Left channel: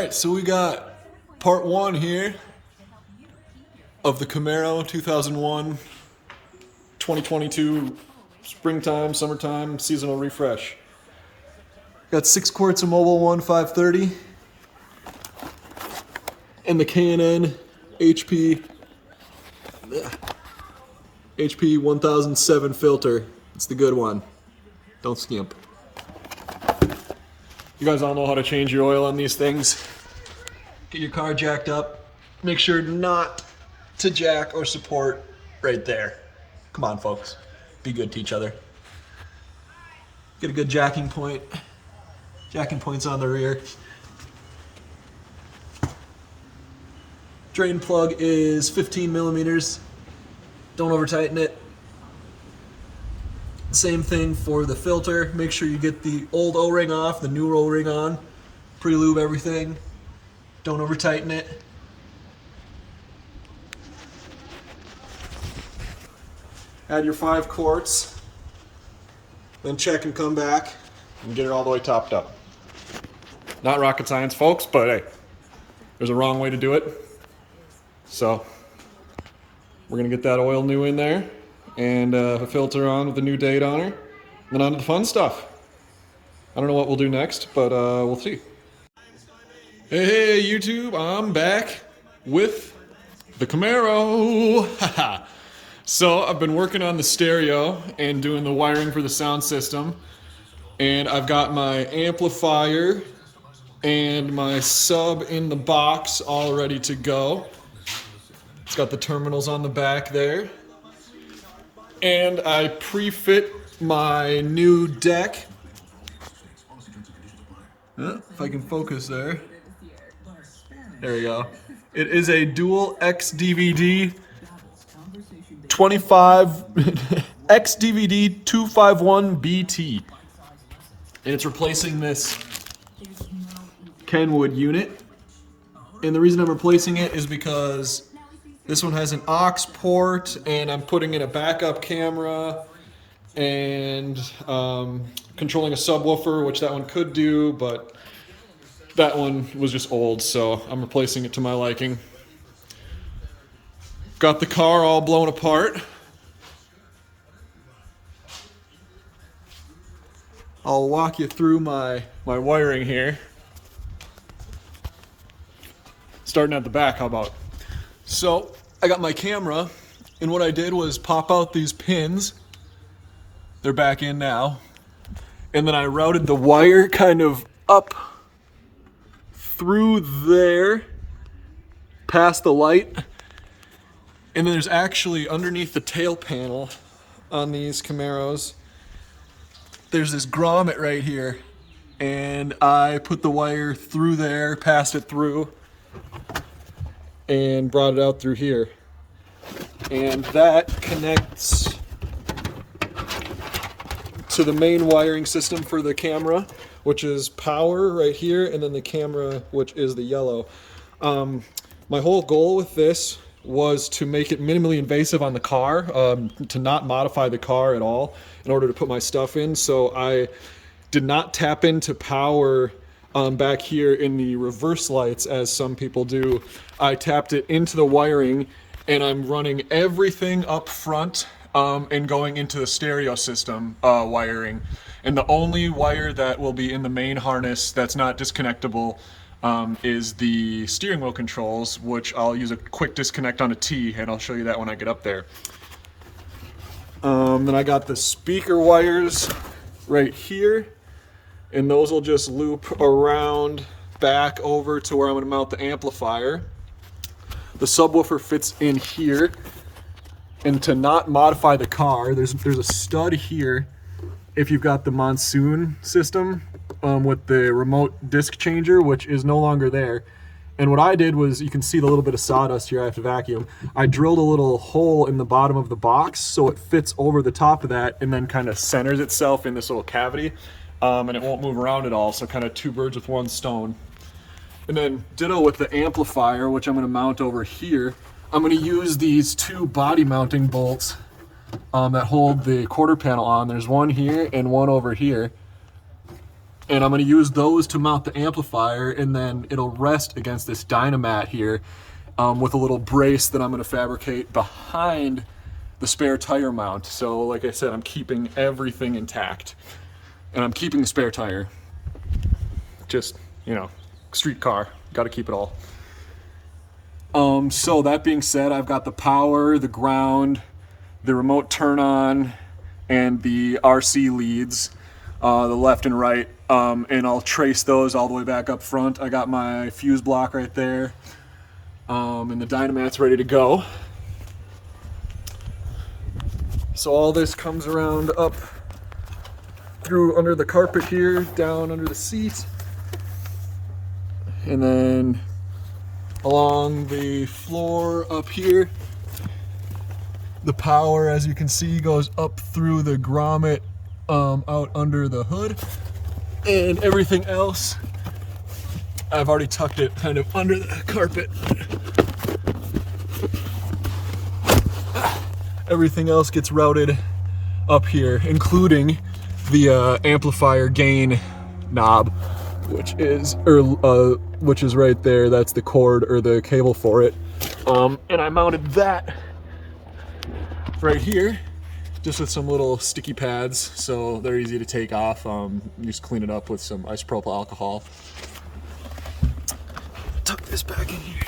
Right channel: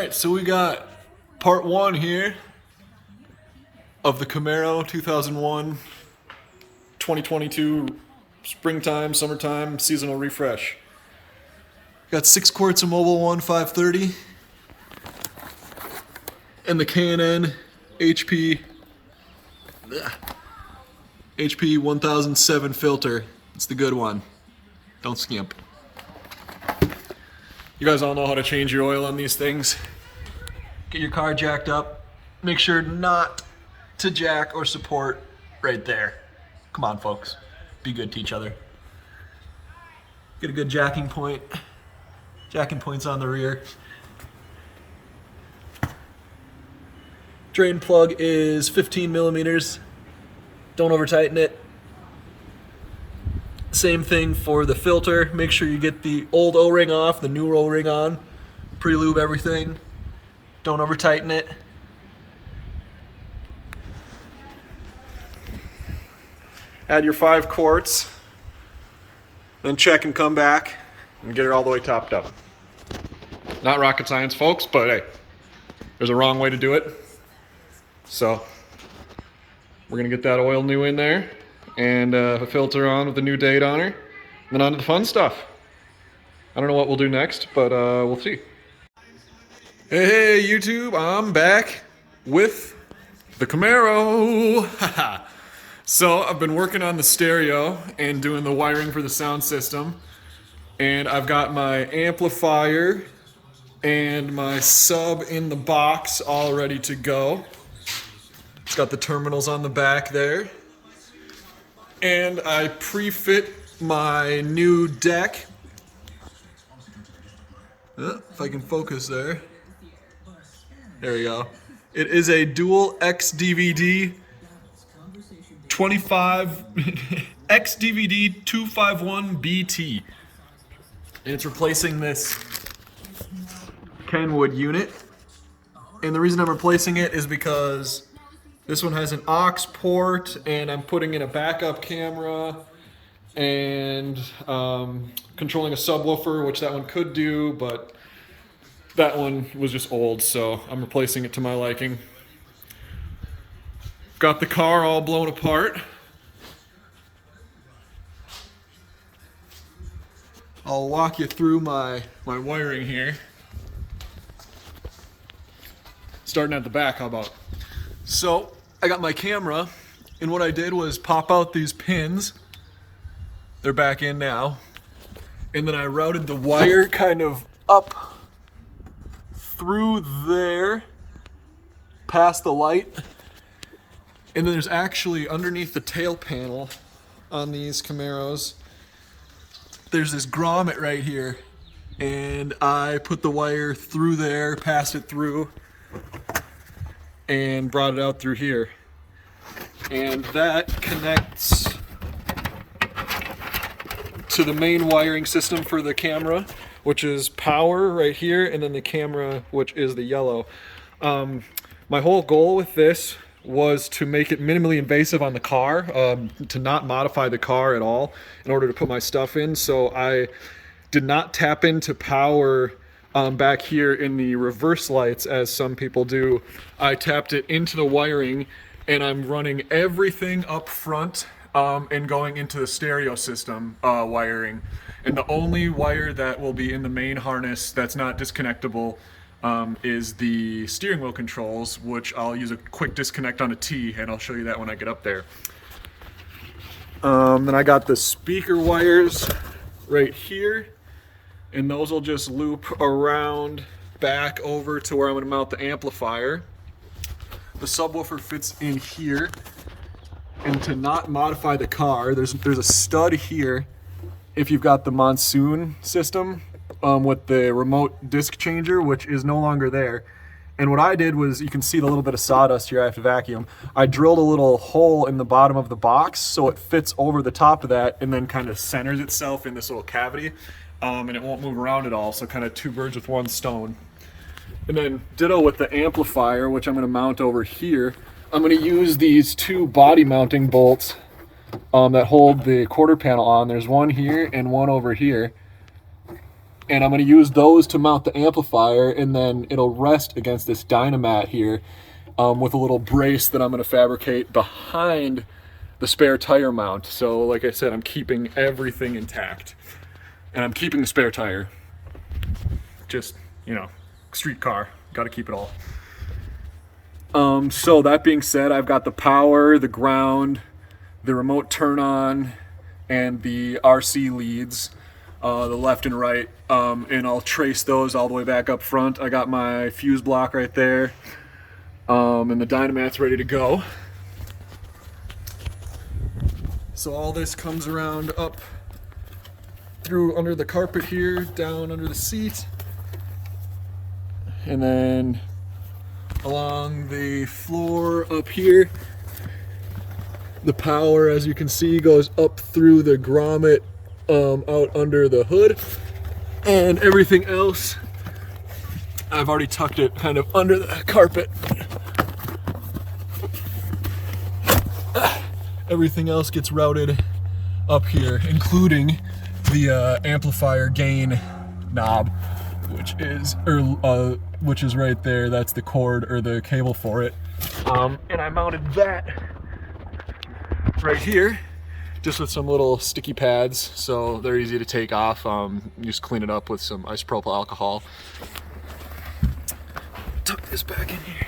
Alright, so we got part one here of the Camaro 2001 2022 springtime, summertime, seasonal refresh. Got 6 quarts of Mobil 1 530 and the K&N HP 1007 filter. It's the good one. Don't skimp. You guys all know how to change your oil on these things. Get your car jacked up. Make sure not to jack or support right there. Come on, folks. Be good to each other. Get a good jacking point. Jacking point's on the rear. Drain plug is 15 millimeters. Don't over tighten it. Same thing for the filter. Make sure you get the old O-ring off, the new O-ring on. Pre-lube everything. Don't over tighten it. Add your 5 quarts. Then check and come back and get it all the way topped up. Not rocket science, folks, but hey, there's a wrong way to do it. So we're gonna get that oil new in there and a filter on with the new date on her, and then on to the fun stuff. I don't know what we'll do next, but we'll see. Hey YouTube, I'm back with the Camaro. So I've been working on the stereo and doing the wiring for the sound system, and I've got my amplifier and my sub in the box all ready to go. It's got the terminals on the back there. And I pre-fit my new deck. If I can focus there. There we go. It is a dual XDVD 25 XDVD 251 BT. And it's replacing this Kenwood unit. And the reason I'm replacing it is because this one has an aux port, and I'm putting in a backup camera and controlling a subwoofer, which that one could do, but that one was just old, so I'm replacing it to my liking. Got the car all blown apart. I'll walk you through my wiring here. Starting at the back, how about? So I got my camera, and what I did was pop out these pins. They're back in now. And then I routed the wire kind of up through there, past the light. And then there's actually underneath the tail panel on these Camaros, there's this grommet right here. And I put the wire through there, passed it through, and brought it out through here. And that connects to the main wiring system for the camera, which is power right here, and then the camera, which is the yellow. My whole goal with this was to make it minimally invasive on the car, to not modify the car at all in order to put my stuff in. So I did not tap into power back here in the reverse lights as some people do. I tapped it into the wiring, and I'm running everything up front and going into the stereo system wiring. And the only wire that will be in the main harness that's not disconnectable is the steering wheel controls, which I'll use a quick disconnect on a T, and I'll show you that when I get up there. Then I got the speaker wires right here, and those will just loop around back over to where I'm going to mount the amplifier. The subwoofer fits in here, and to not modify the car, there's a stud here if you've got the monsoon system with the remote disc changer, which is no longer there. And what I did was, you can see the little bit of sawdust here I have to vacuum. I drilled a little hole in the bottom of the box so it fits over the top of that and then kind of centers itself in this little cavity. And it won't move around at all, so kind of 2 birds with 1 stone. And then ditto with the amplifier, which I'm going to mount over here. I'm going to use these 2 body mounting bolts that hold the quarter panel on. There's one here and one over here. And I'm going to use those to mount the amplifier, and then it'll rest against this Dynamat here with a little brace that I'm going to fabricate behind the spare tire mount. So like I said, I'm keeping everything intact, and I'm keeping the spare tire. Just, you know, street car, got to keep it all. So that being said, I've got the power, the ground, the remote turn on, and the RC leads, the left and right, and I'll trace those all the way back up front. I got my fuse block right there, and the Dynamat's ready to go. So all this comes around up through under the carpet here, down under the seat, and then along the floor up here. The power, as you can see, goes up through the grommet out under the hood, and everything else I've already tucked it kind of under the carpet. Everything else gets routed up here, including the amplifier gain knob, which is right there. That's the cord or the cable for it, and I mounted that right here just with some little sticky pads, so they're easy to take off. Just clean it up with some isopropyl alcohol. Tuck this back in here.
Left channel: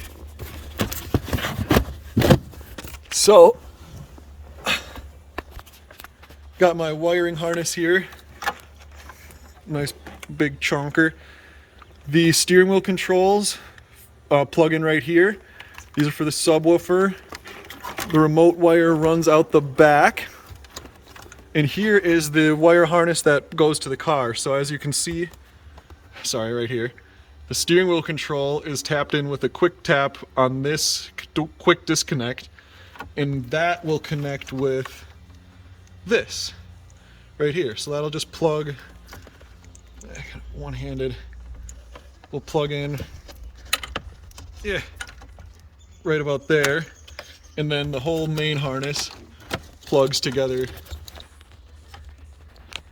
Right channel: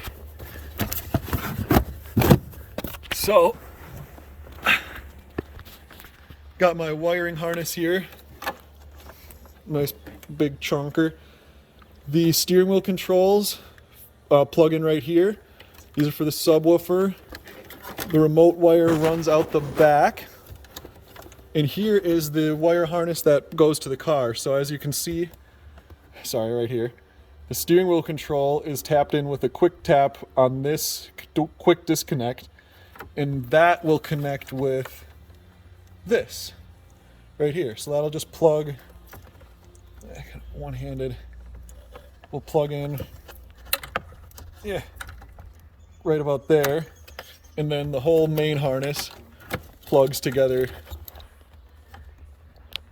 So, got my wiring harness here. Nice big chunker. The steering wheel controls plug in right here. These are for the subwoofer. The remote wire runs out the back. And here is the wire harness that goes to the car. So as you can see, right here, the steering wheel control is tapped in with a quick tap on this quick disconnect, and that will connect with this right here. So that'll just plug, one-handed, we'll plug in, right about there. And then the whole main harness plugs together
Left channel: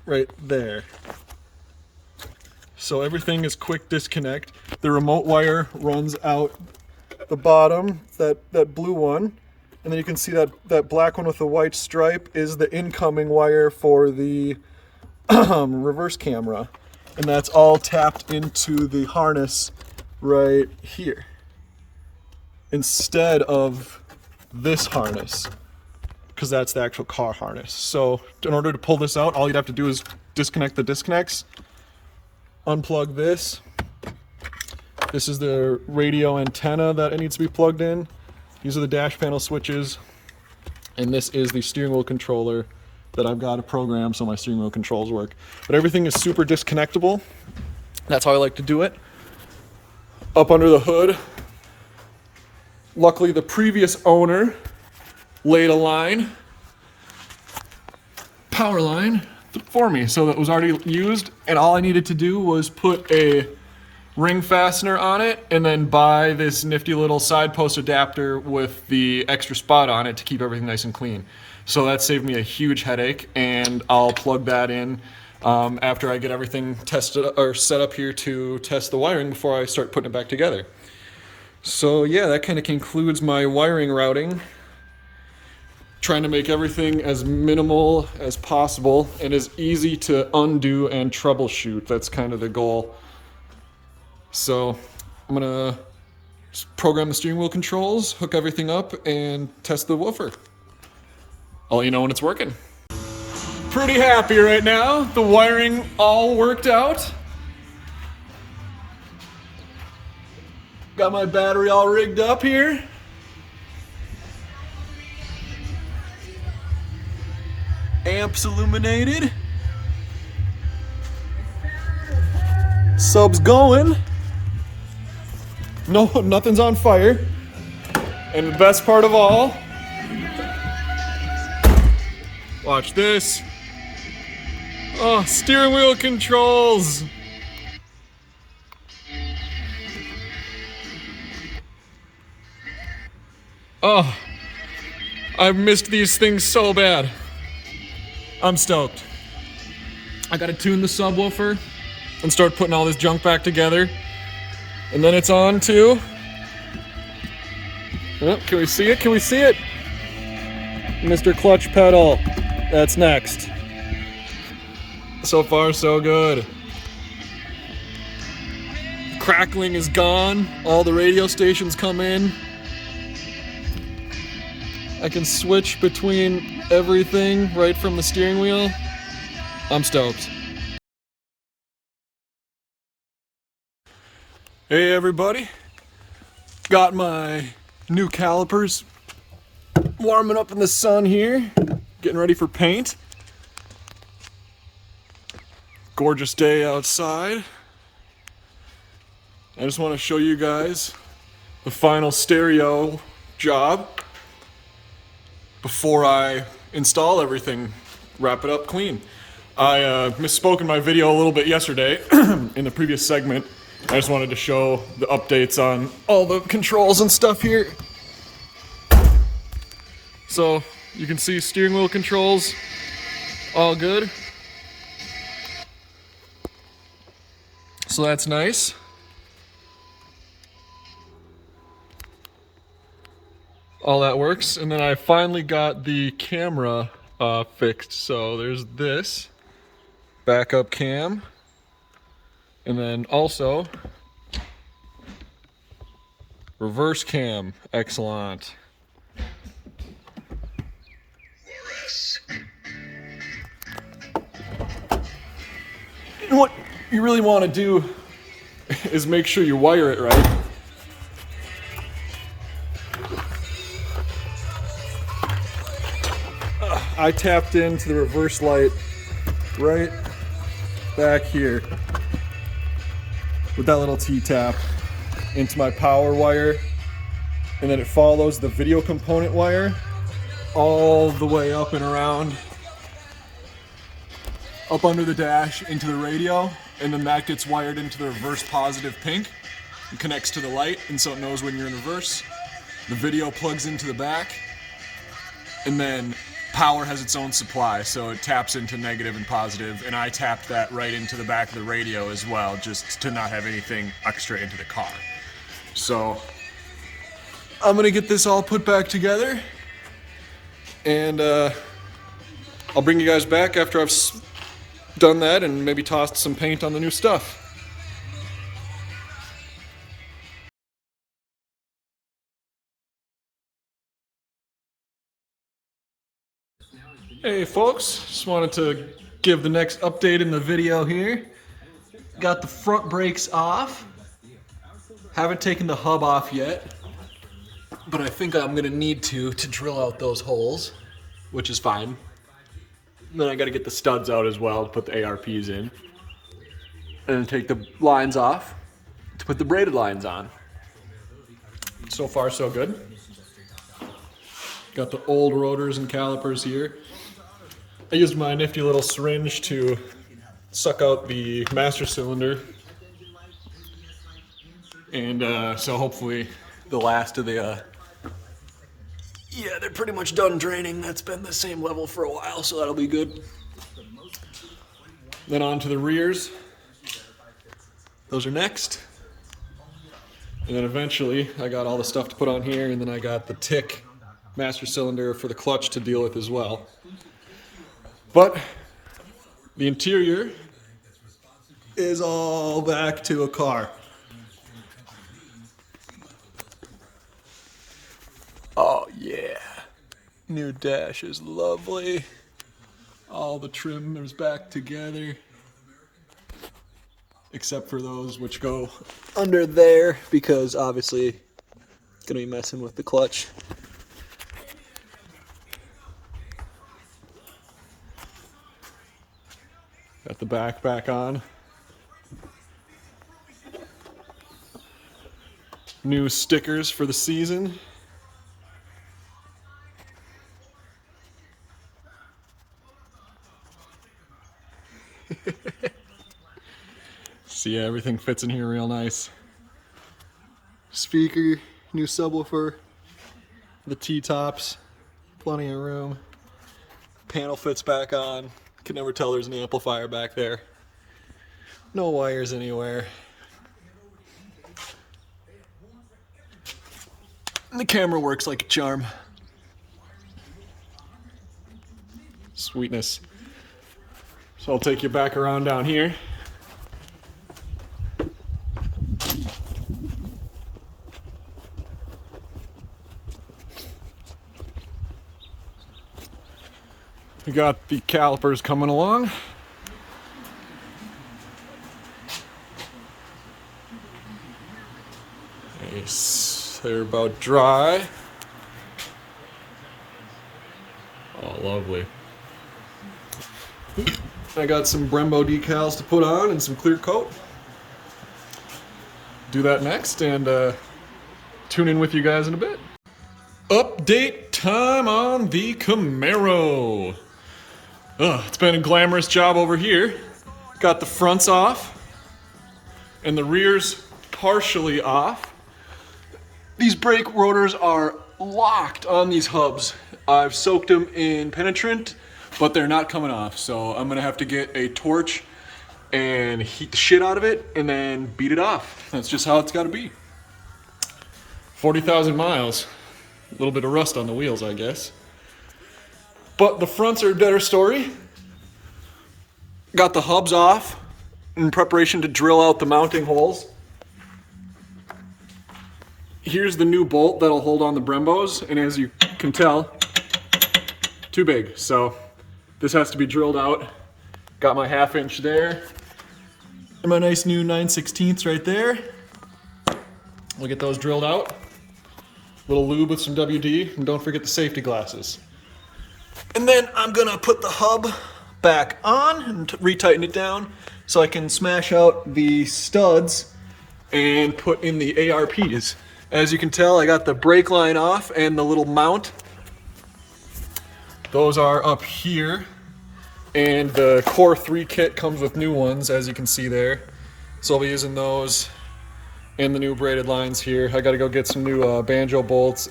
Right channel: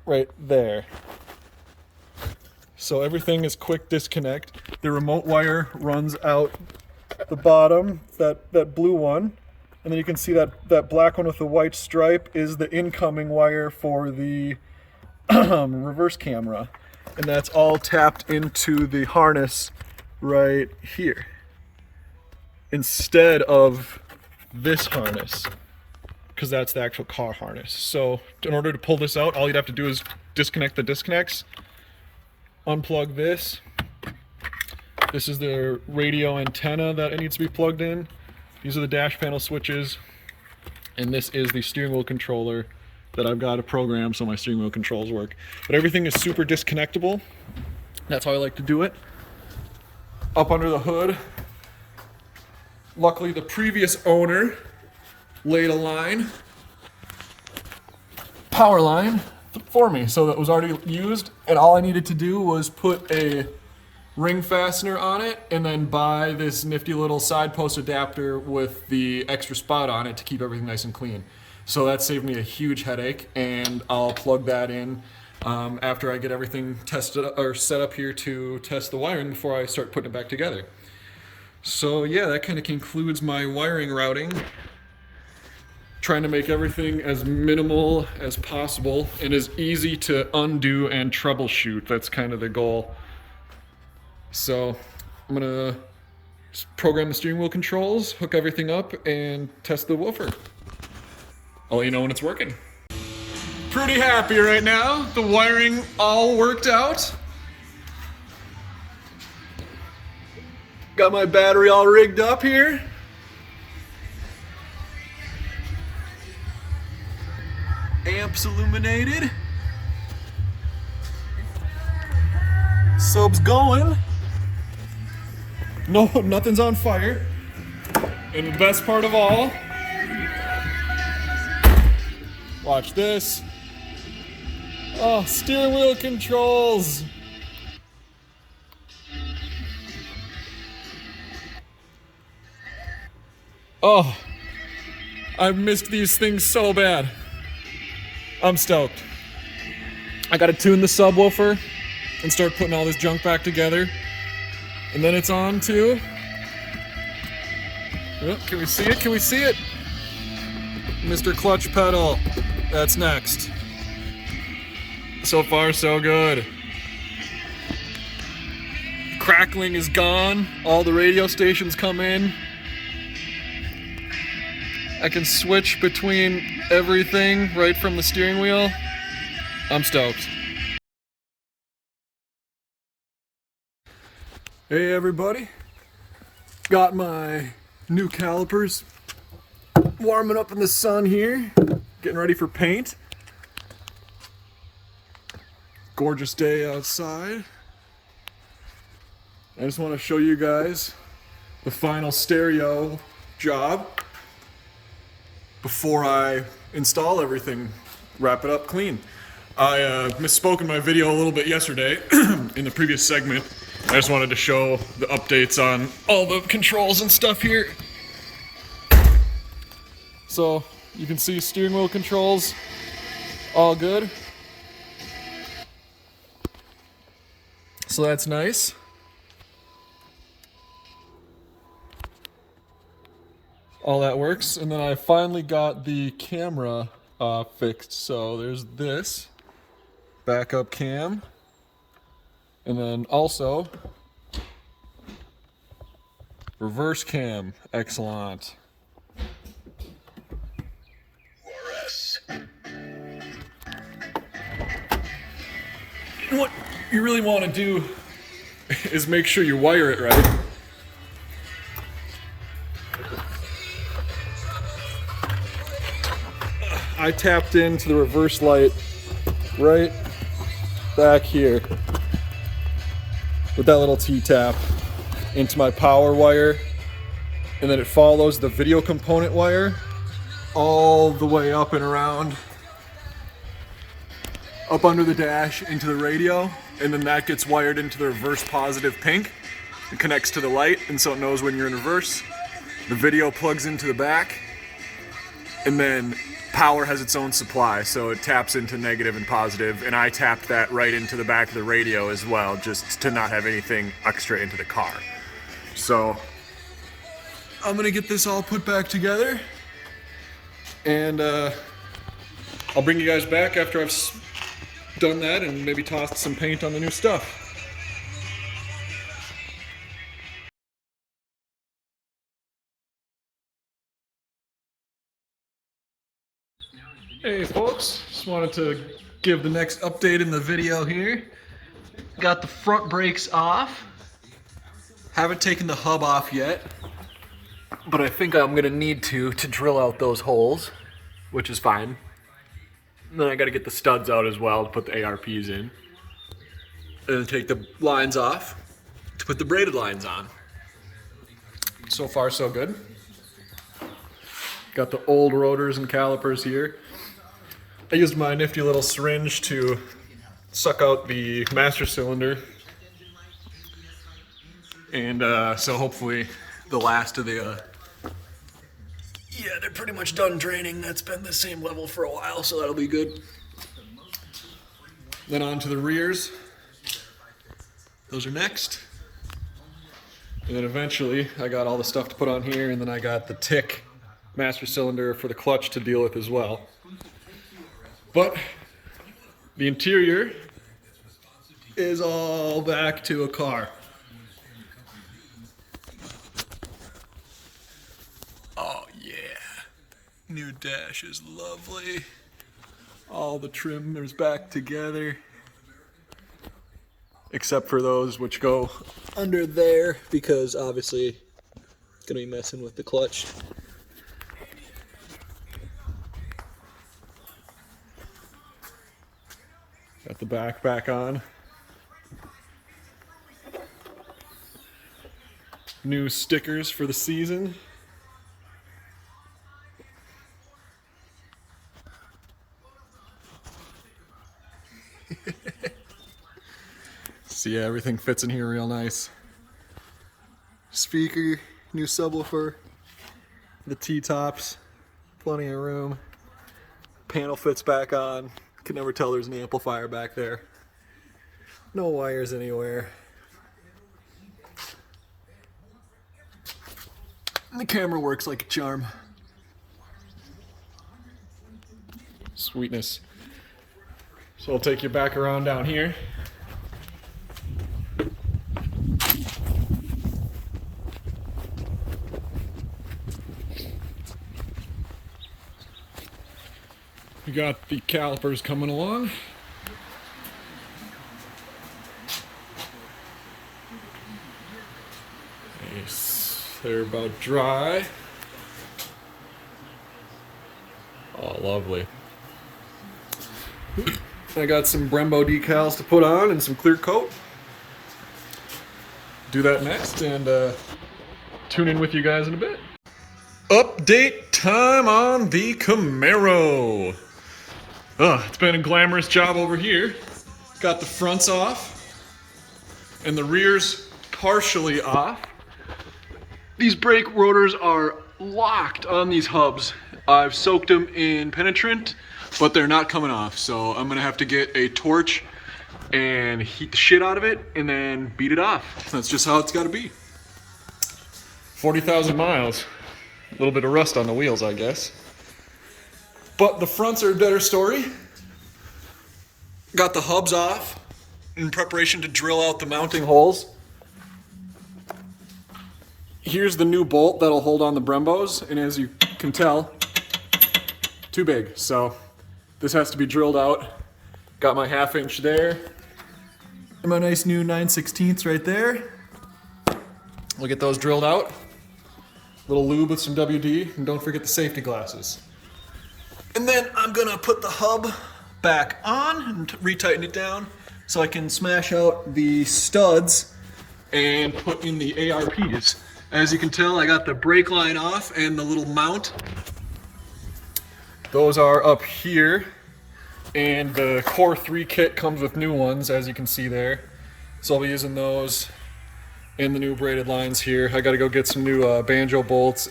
right there. So everything is quick disconnect. The remote wire runs out the bottom, that blue one. And then you can see that black one with the white stripe is the incoming wire for the reverse camera. And that's all tapped into the harness right here, instead of this harness, because that's the actual car harness. So in order to pull this out, all you'd have to do is disconnect the disconnects, unplug this. This is the radio antenna that it needs to be plugged in. These are the dash panel switches, and this is the steering wheel controller that I've got to program so my steering wheel controls work. But everything is super disconnectable. That's how I like to do it. Up under the hood, luckily the previous owner laid a line, power line, for me, so that was already used, and all I needed to do was put a ring fastener on it and then buy this nifty little side post adapter with the extra spot on it to keep everything nice and clean. So that saved me a huge headache, and I'll plug that in after I get everything tested or set up here to test the wiring before I start putting it back together. So yeah, that kind of concludes my wiring routing. Trying to make everything as minimal as possible and as easy to undo and troubleshoot. That's kind of the goal. So I'm gonna program the steering wheel controls, hook everything up, and test the woofer. I'll let you know when it's working. Pretty happy right now. The wiring all worked out. Got my battery all rigged up here. Amps illuminated. Sub's going. No, nothing's on fire. And the best part of all, watch this. Oh, steering wheel controls. Oh, I've missed these things so bad. I'm stoked. I gotta tune the subwoofer. and start putting all this junk back together. And then it's on to, oh, can we see it? Can we see it? Mr. Clutch Pedal. That's next. So far, so good. Crackling is gone. All the radio stations come in. I can switch between everything right from the steering wheel. I'm stoked. Hey everybody. Got my new calipers warming up in the sun here. Getting ready for paint. Gorgeous day outside. I just want to show you guys the final stereo job before I install everything, wrap it up clean. I misspoke in my video a little bit yesterday in the previous segment. I just wanted to show the updates on all the controls and stuff here. So you can see steering wheel controls, all good. So that's nice. All that works. And then I finally got the camera fixed. So there's this backup cam. And then also reverse cam. Excellent. And what you really want to do is make sure you wire it right. I tapped into the reverse light right back here with that little T-tap into my power wire, and then it follows the video component wire all the way up and around, up under the dash into the radio, and then that gets wired into the reverse positive pink and connects to the light, and so it knows when you're in reverse. The video plugs into the back, and then power has its own supply, so it taps into negative and positive, and I tapped that right into the back of the radio as well, just to not have anything extra into the car. So I'm gonna get this all put back together, and I'll bring you guys back after I've done that and maybe tossed some paint on the new stuff. Hey folks, just wanted to give the next update in the video here. Got the front brakes off. Haven't taken the hub off yet, but I think I'm gonna need to drill out those holes, which is fine. And then I gotta get the studs out as well to put the ARPs in. And then take the lines off to put the braided lines on. So far so good. Got the old rotors and calipers here. I used my nifty little syringe to suck out the master cylinder. And so hopefully the last of the, yeah, they're pretty much done draining. That's been the same level for a while, so that'll be good. Then on to the rears. Those are next. And then eventually I got all the stuff to put on here, and then I got the tick master cylinder for the clutch to deal with as well. But the interior is all back to a car. Oh yeah, new dash is lovely. All the trim is back together, except for those which go under there because obviously gonna be messing with the clutch. Got the back on. New stickers for the season. So yeah, everything fits in here real nice. Speaker, new subwoofer, the T-tops, plenty of room. Panel fits back on. Can never tell there's an amplifier back there. No wires anywhere. And the camera works like a charm. Sweetness. So I'll take you back around down here. We got the calipers coming along. Nice. They're about dry. Oh, lovely. I got some Brembo decals to put on and some clear coat. Do that next and tune in with you guys in a bit. Update time on the Camaro. It's been a glamorous job over here. Got the fronts off and the rears partially off. These brake rotors are locked on these hubs. I've soaked them in penetrant, but they're not coming off. So I'm gonna have to get a torch and heat the shit out of it and then beat it off. That's just how it's gotta be. 40,000 miles. A little bit of rust on the wheels, I guess. But the fronts are a better story. Got the hubs off in preparation to drill out the mounting holes. Here's the new bolt that'll hold on the Brembos, and as you can tell, too big. So this has to be drilled out. Got my 1/2 inch there. And my nice new 9/16 right there. We'll get those drilled out. Little lube with some WD, and don't forget the safety glasses. And then I'm gonna put the hub back on and retighten it down so I can smash out the studs and put in the ARPs. As you can tell, I got the brake line off and the little mount. Those are up here. And the Core 3 kit comes with new ones, as you can see there. So I'll be using those and the new braided lines here. I gotta go get some new banjo bolts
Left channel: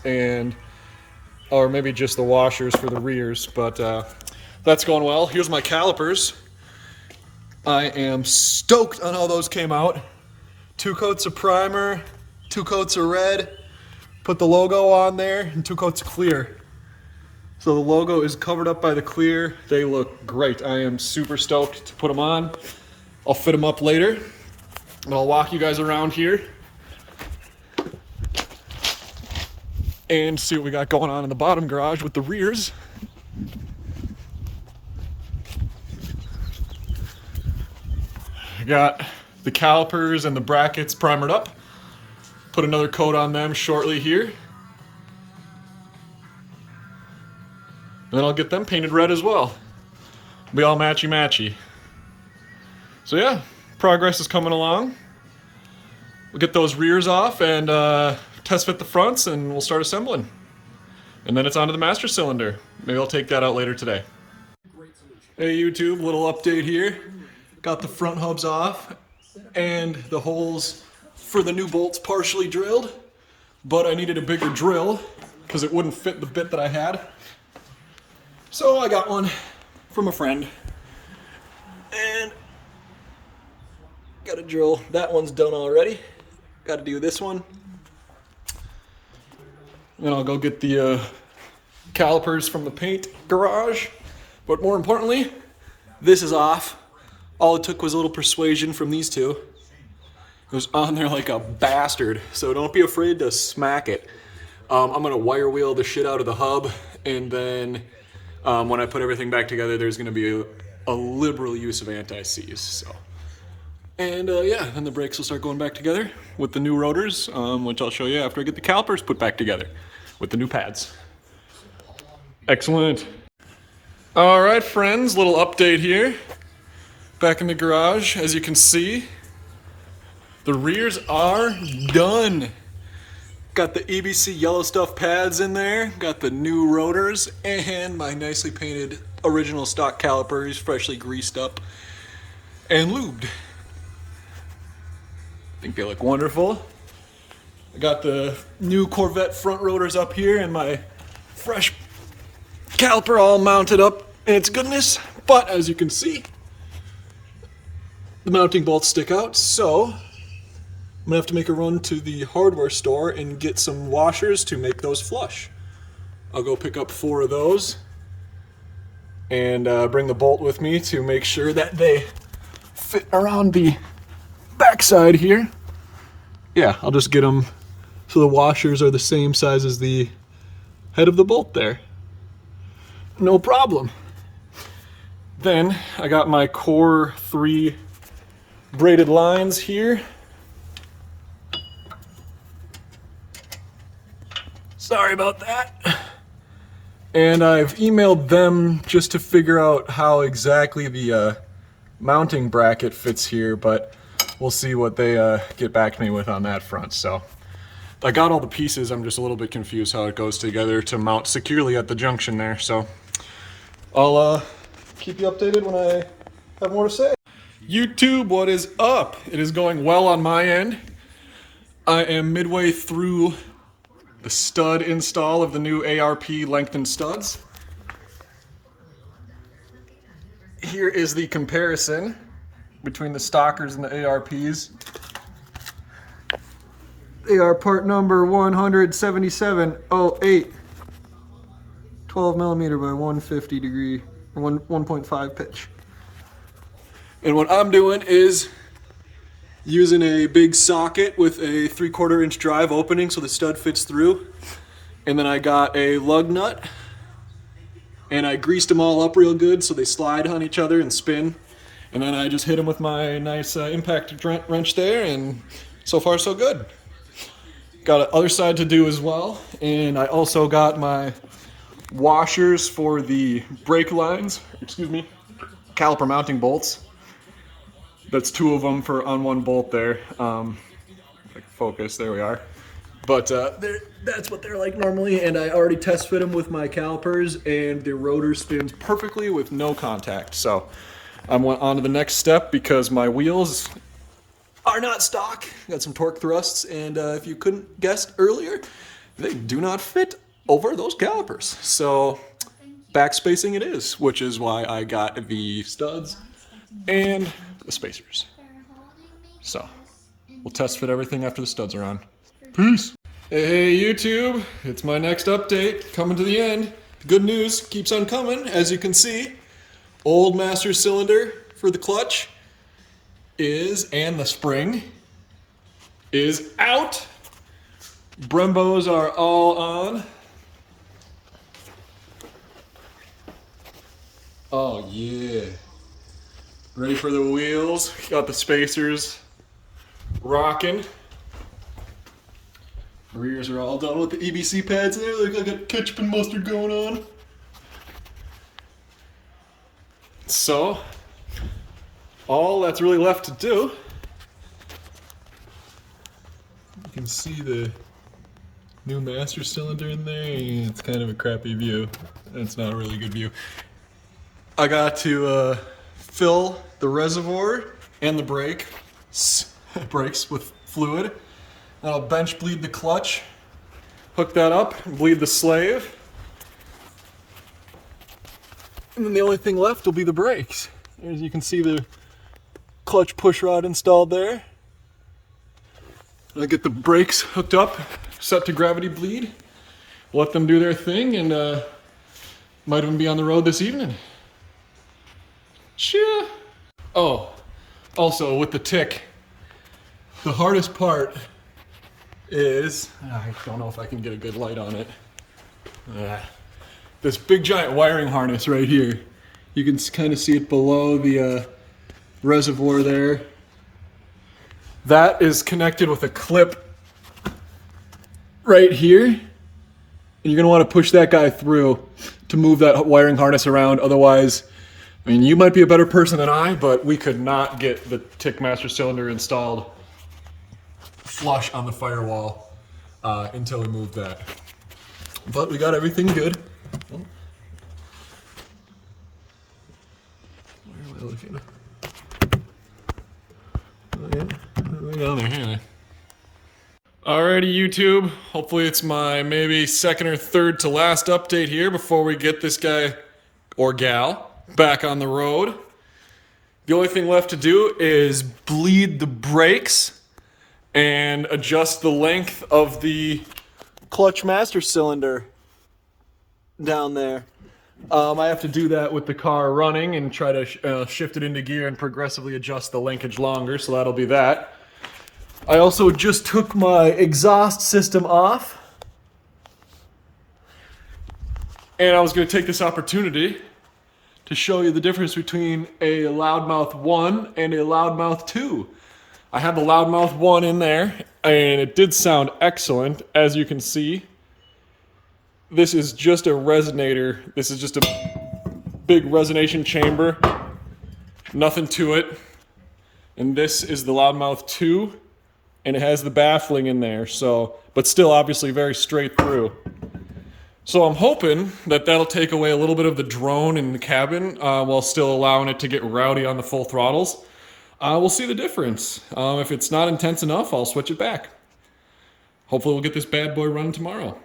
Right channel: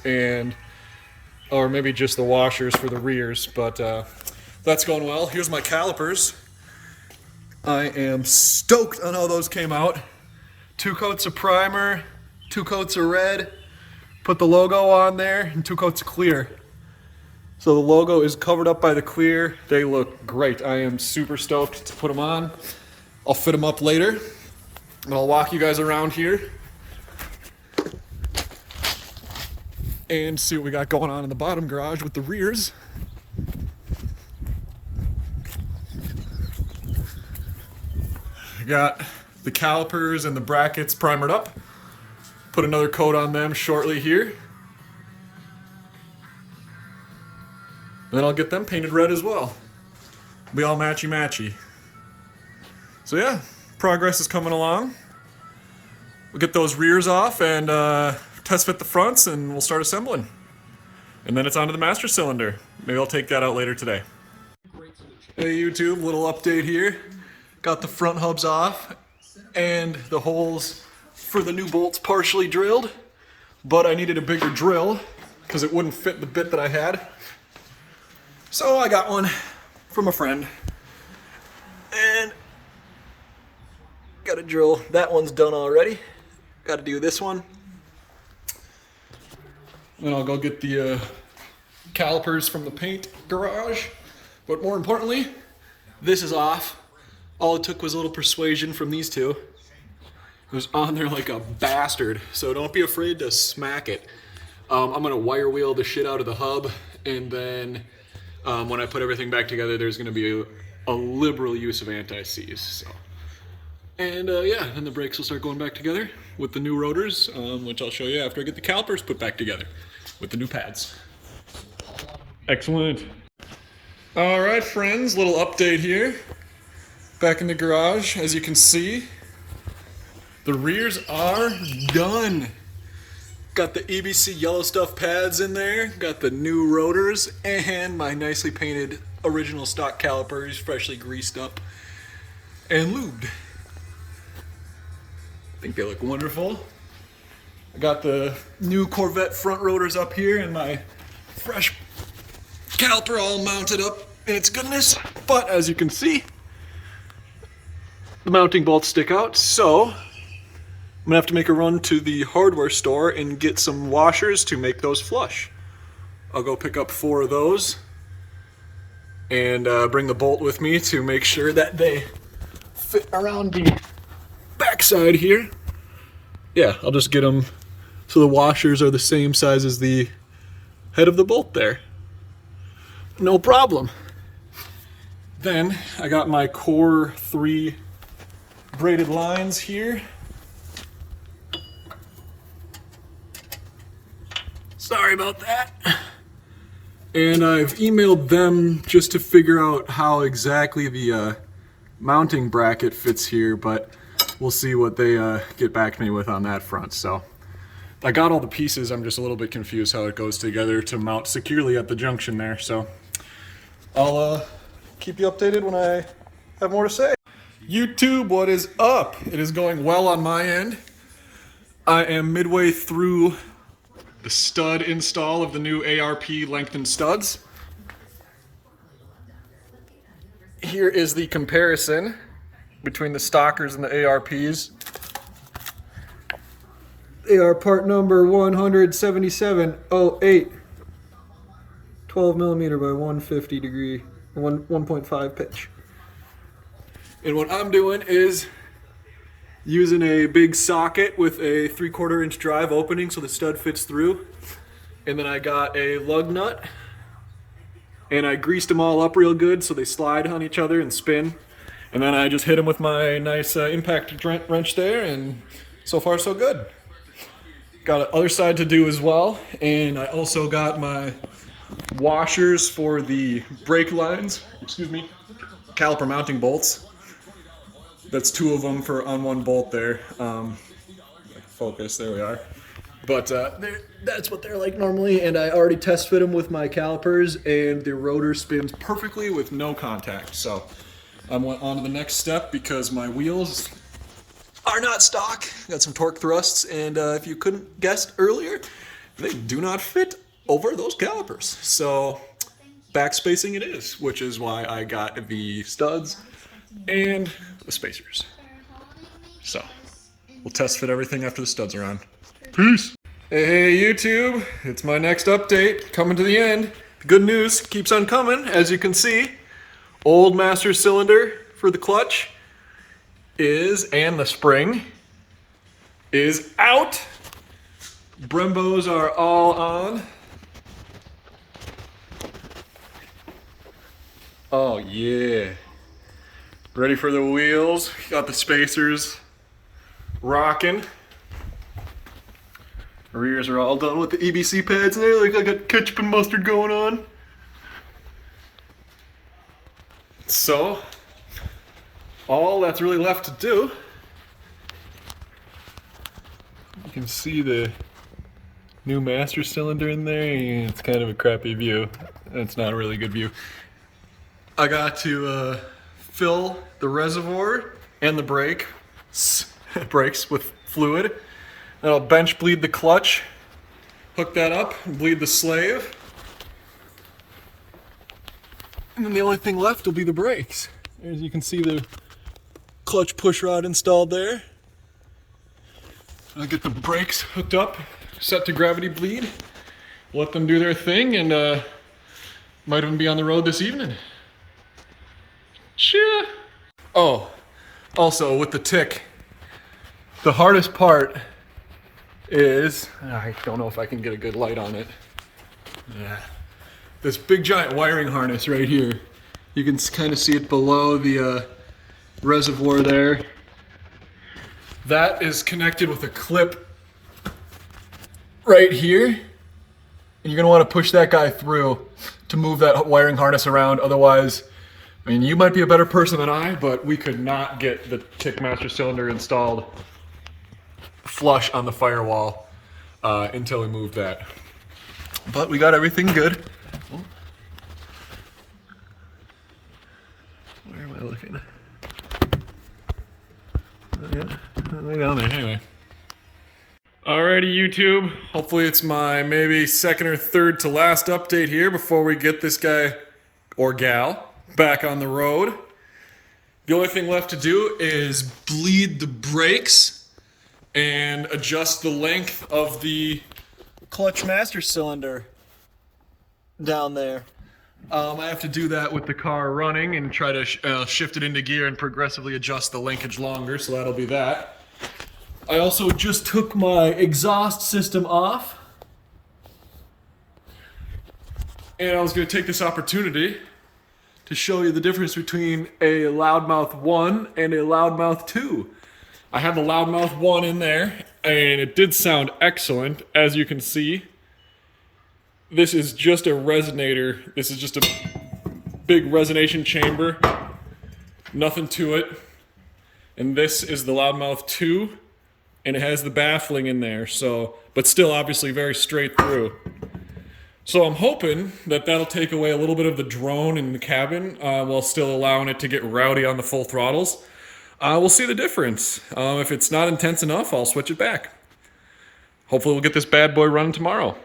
or maybe just the washers for the rears, but that's going well. Here's my calipers. I am stoked on how those came out. 2 coats of primer, 2 coats of red, put the logo on there, and 2 coats of clear. So the logo is covered up by the clear. They look great. I am super stoked to put them on. I'll fit them up later, and I'll walk you guys around here and see what we got going on in the bottom garage with the rears. I got the calipers and the brackets primered up. Put another coat on them shortly here. Then I'll get them painted red as well. Be all matchy-matchy. So yeah, progress is coming along. We'll get those rears off and test fit the fronts, and we'll start assembling. And then it's onto the master cylinder. Maybe I'll take that out later today. Hey YouTube, little update here. Got the front hubs off and the holes for the new bolts partially drilled, but I needed a bigger drill because it wouldn't fit the bit that I had. So I got one from a friend and got a drill. That one's done already. Got to do this one. Then I'll go get the calipers from the paint garage. But more importantly, this is off. All it took was a little persuasion from these two. It was on there like a bastard, so don't be afraid to smack it. I'm gonna wire wheel the shit out of the hub, and then when I put everything back together, there's gonna be a liberal use of anti-seize. So, and yeah, then the brakes will start going back together with the new rotors, which I'll show you after I get the calipers put back together with the new pads. Excellent. All right, friends, little update here. Back in the garage, as you can see, the rears are done. Got the EBC yellowstuff pads in there, got the new rotors, and my nicely painted original stock calipers, freshly greased up and lubed. I think they look wonderful. I got the new Corvette front rotors up here and my fresh caliper all mounted up in its goodness. But as you can see, the mounting bolts stick out, so I'm gonna have to make a run to the hardware store and get some washers to make those flush. I'll go pick up 4 of those and bring the bolt with me to make sure that they fit around the backside here. Yeah, I'll just get them so the washers are the same size as the head of the bolt there. No problem. Then I got my Core 3 braided lines here. Sorry about that. And I've emailed them just to figure out how exactly the mounting bracket fits here, but we'll see what they get back to me with on that front. So I got all the pieces, I'm just a little bit confused how it goes together to mount securely at the junction there. So I'll keep you updated when I have more to say. YouTube, what is up? It is going well on my end. I am midway through the stud install of the new ARP lengthened studs. Here is the comparison between the stockers and the ARPs. They are part number 17708, 12 millimeter by 150 degree, 1.5 pitch. And what I'm doing is using a big socket with a 3/4 inch drive opening so the stud fits through. And then I got a lug nut and I greased them all up real good so they slide on each other and spin. And then I just hit them with my nice impact wrench there, and so far so good. Got the other side to do as well, and I also got my washers for the brake lines, caliper mounting bolts. That's 2 of them on one bolt there. Focus, there we are. But that's what they're like normally, and I already test fit them with my calipers, and the rotor spins perfectly with no contact. So I went on to the next step because my wheels are not stock. Got some torque thrusts, and if you couldn't guess earlier, they do not fit over those calipers. So back spacing it is, which is why I got the studs and the spacers. So we'll test fit everything after the studs are on. Peace. Hey YouTube, it's my next update, coming to the end. The good news keeps on coming, as you can see. Old master cylinder for the clutch and the spring is out. Brembos are all on. Oh yeah. Ready for the wheels. Got the spacers rocking. Rears are all done with the EBC pads there. Like I got ketchup and mustard going on. So, all that's really left to do, you can see the new master cylinder in there. It's kind of a crappy view. It's not a really good view. I got to fill the reservoir and the brakes with fluid. Then I'll bench bleed the clutch, hook that up, bleed the slave. And then the only thing left will be the brakes. As you can see, the clutch push rod installed there. I'll get the brakes hooked up, set to gravity bleed, let them do their thing, and might even be on the road this evening. Cheer. Oh, also with the tick, the hardest part is, I don't know if I can get a good light on it. This big giant wiring harness right here. You can kind of see it below the reservoir there. That is connected with a clip right here. You're gonna want to push that guy through to move that wiring harness around. Otherwise, I mean, you might be a better person than I, but we could not get the Tick Master cylinder installed flush on the firewall until we moved that. But we got everything good. Where am I looking? Oh, yeah, way down there, anyway. Alrighty, YouTube. Hopefully it's my maybe second or third to last update here before we get this guy or gal back on the road. The only thing left to do is bleed the brakes and adjust the length of the clutch master cylinder down there. I have to do that with the car running and try to shift it into gear and progressively adjust the linkage longer, so that'll be that. I also just took my exhaust system off, and I was going to take this opportunity to show you the difference between a loudmouth 1 and a loudmouth 2. I had the loudmouth 1 in there, and it did sound excellent, as you can see. This is just a resonator. This is just a big resonation chamber. Nothing to it. And this is the loudmouth 2, and it has the baffling in there, so, but still obviously very straight through. So I'm hoping that that'll take away a little bit of the drone in the cabin while still allowing it to get rowdy on the full throttles. We'll see the difference. If it's not intense enough, I'll switch it back. Hopefully we'll get this bad boy running tomorrow.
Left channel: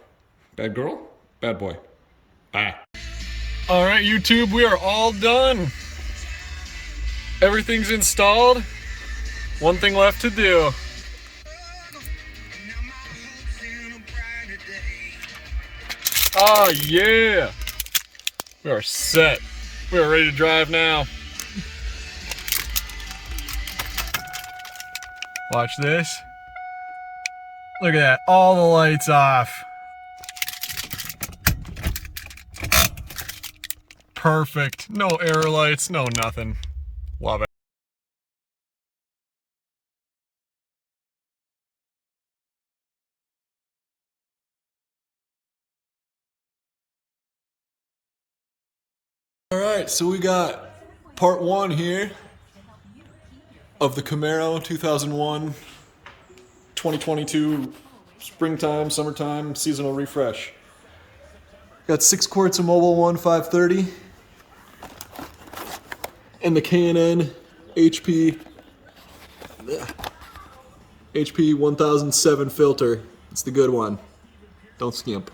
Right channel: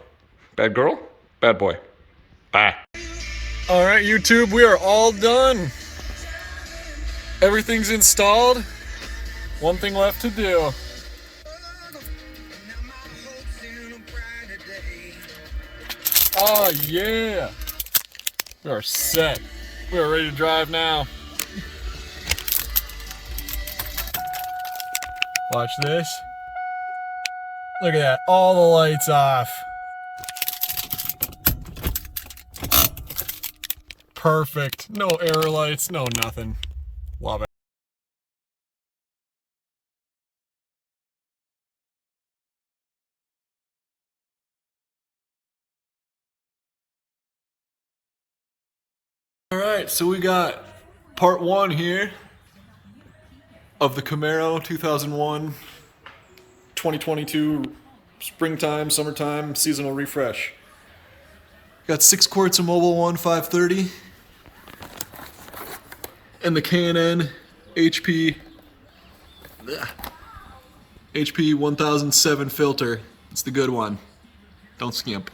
Bad girl, bad boy. Bye. All right, YouTube, we are all done. Everything's installed. One thing left to do. Oh yeah, we are set. We are ready to drive now. Watch this. Look at that, all the lights off. Perfect, no error lights, no nothing. Love it. All right, so we got part 1 here of the Camaro 2001, 2022 springtime, summertime, seasonal refresh. Got 6 quarts of Mobil 1 530 and the K&N HP 1007 filter. It's the good one. Don't skimp.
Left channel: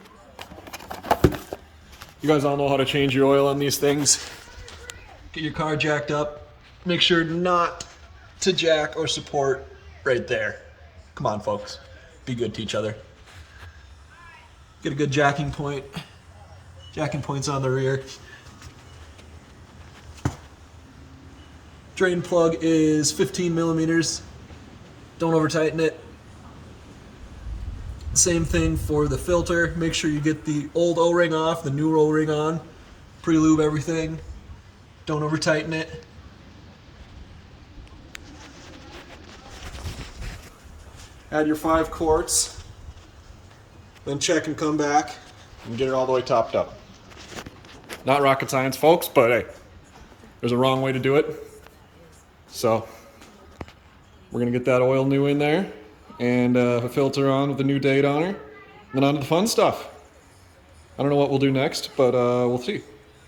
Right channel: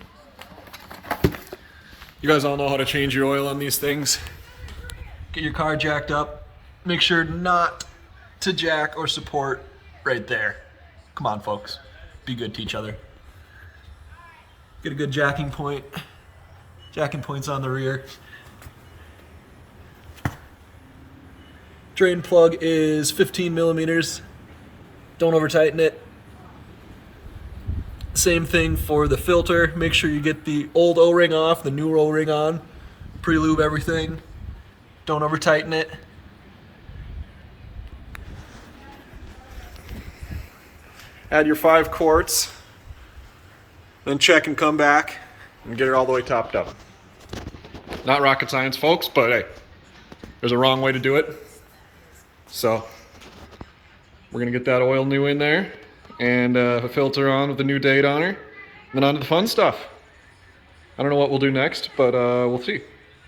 You guys all know how to change your oil on these things. Get your car jacked up. Make sure not to jack or support right there. Come on, folks. Be good to each other. Get a good jacking point. Jacking point's on the rear. Drain plug is 15 millimeters. Don't over tighten it. Same thing for the filter. Make sure you get the old O-ring off, the new O-ring on. Pre-lube everything. Don't over tighten it. Add your 5 quarts. Then check and come back and get it all the way topped up. Not rocket science, folks, but hey, there's a wrong way to do it. So we're gonna get that oil new in there and a filter on with the new date on her, and then on to the fun stuff. I don't know what we'll do next, but we'll see.